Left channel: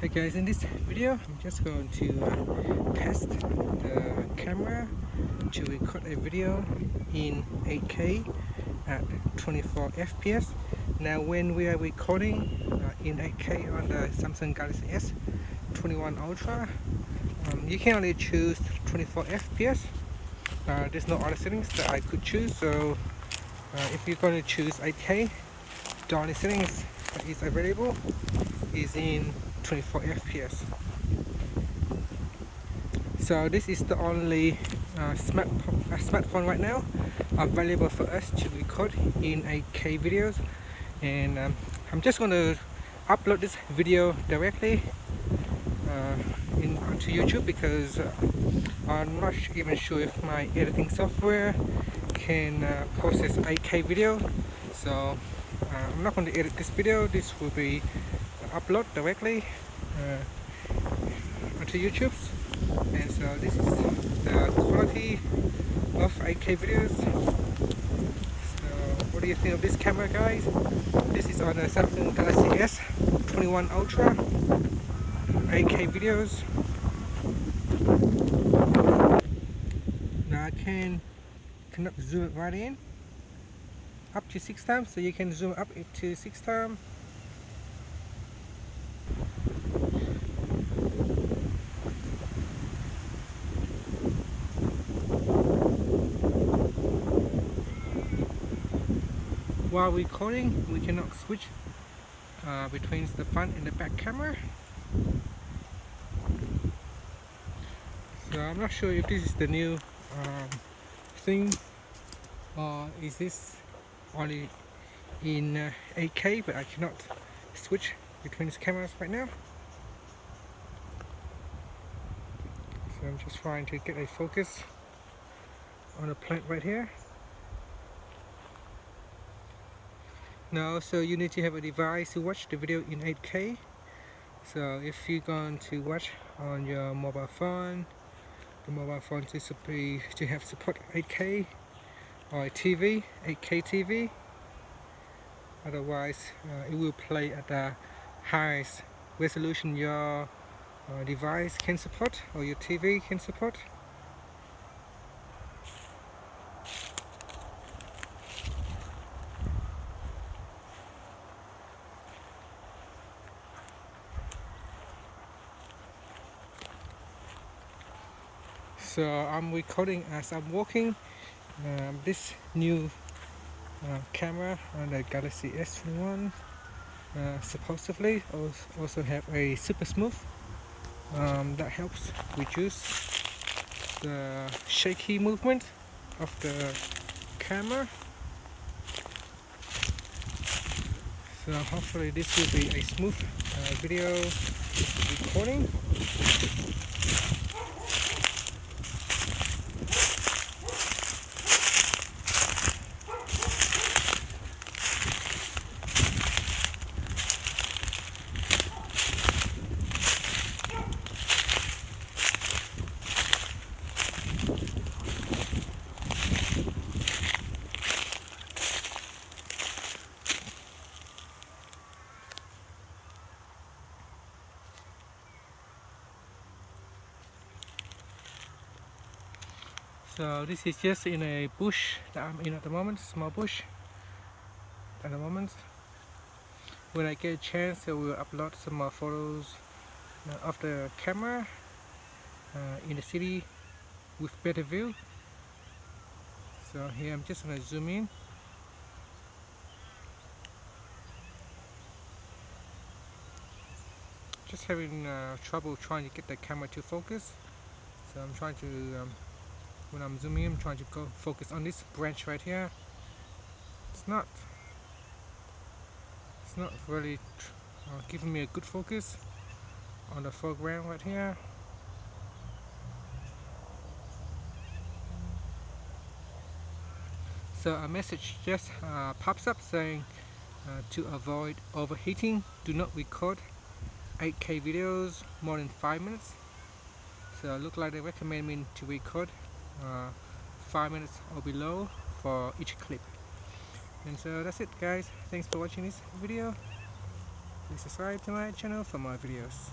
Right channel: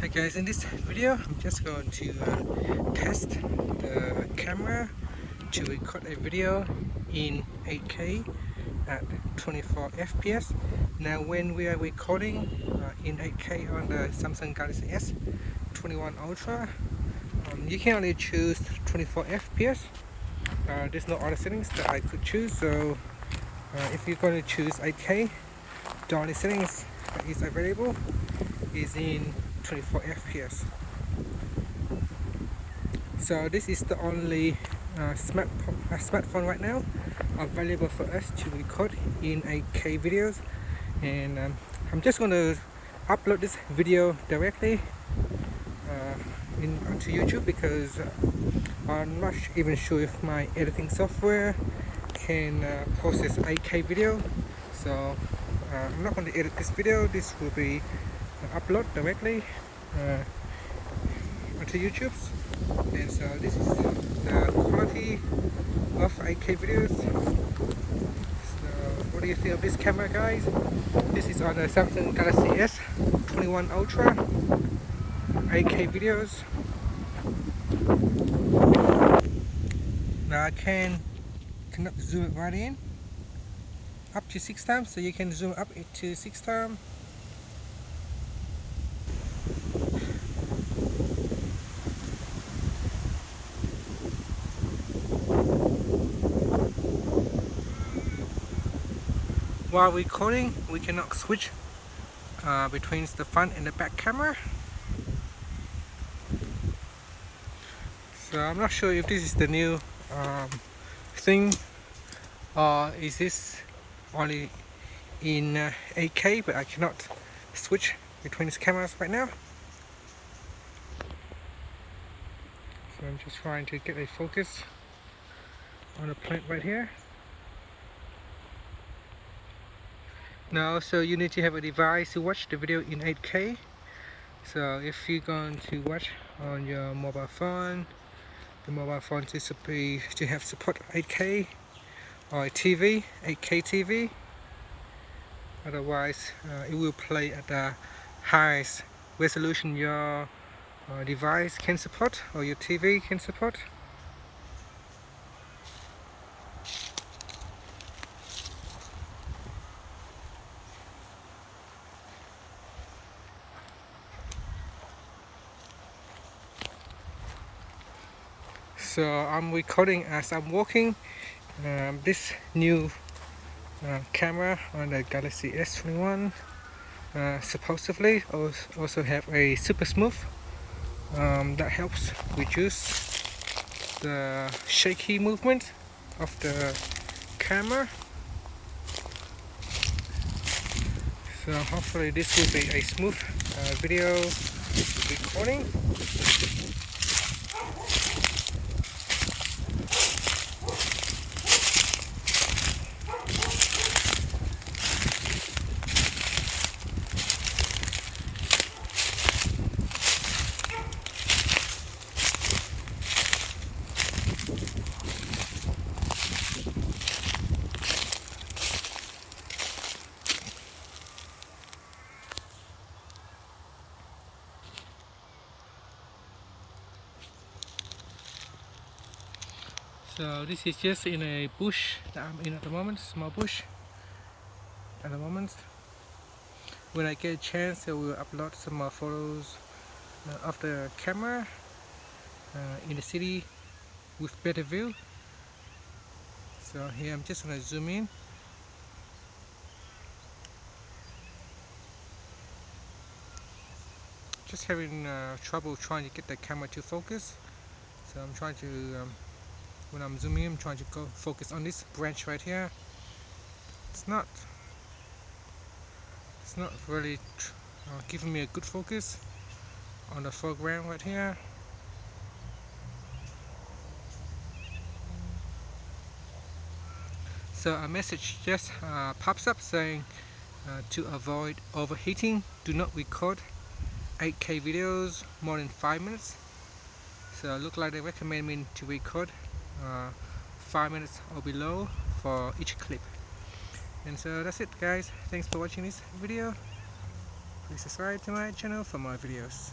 Hey guys, in this video I'm just going to test the camera to record a video in 8K at 24 FPS. Now when we are recording in 8K on the Samsung Galaxy S21 Ultra, you can only choose 24 FPS. There's no other settings that I could choose, so if you're going to choose 8K, the only settings that is available is in 24 FPS. So this is the only smartphone right now available for us to record in 8K videos, and I'm just going to upload this video directly onto YouTube because I'm not even sure if my editing software can process 8K video. So I'm not going to edit this video. This will be upload directly onto YouTube, and so this is the quality of 8K videos. So what do you think of this camera, guys? This is on the Samsung Galaxy S21 Ultra 8K videos. Now I cannot zoom it right in up to 6 times, so you can zoom up it to 6 times. While recording, we cannot switch between the front and the back camera. So I'm not sure if this is the new thing, or is this only in 8K, but I cannot switch between these cameras right now. So I'm just trying to get a focus on the plant right here. Now, so you need to have a device to watch the video in 8K. So if you're going to watch on your mobile phone, the mobile phone to have support 8K, or a TV, 8K TV. Otherwise, it will play at the highest resolution your device can support, or your TV can support. So I'm recording as I'm walking. This new camera on the Galaxy S21 supposedly also have a super smooth that helps reduce the shaky movement of the camera. So hopefully this will be a smooth video recording. So this is just in a bush that I'm in at the moment, small bush at the moment. When I get a chance, I will upload some more photos of the camera in the city with better view. So here I'm just going to zoom in. Just having trouble trying to get the camera to focus. So I'm trying to when I'm zooming in, I'm trying to go focus on this branch right here. It's not really giving me a good focus on the foreground right here. So a message just pops up saying to avoid overheating, do not record 8K videos more than 5 minutes. So it looks like they recommend me to record 5 minutes or below for each clip. And so that's it, guys. Thanks for watching this video. Please subscribe to my channel for more videos.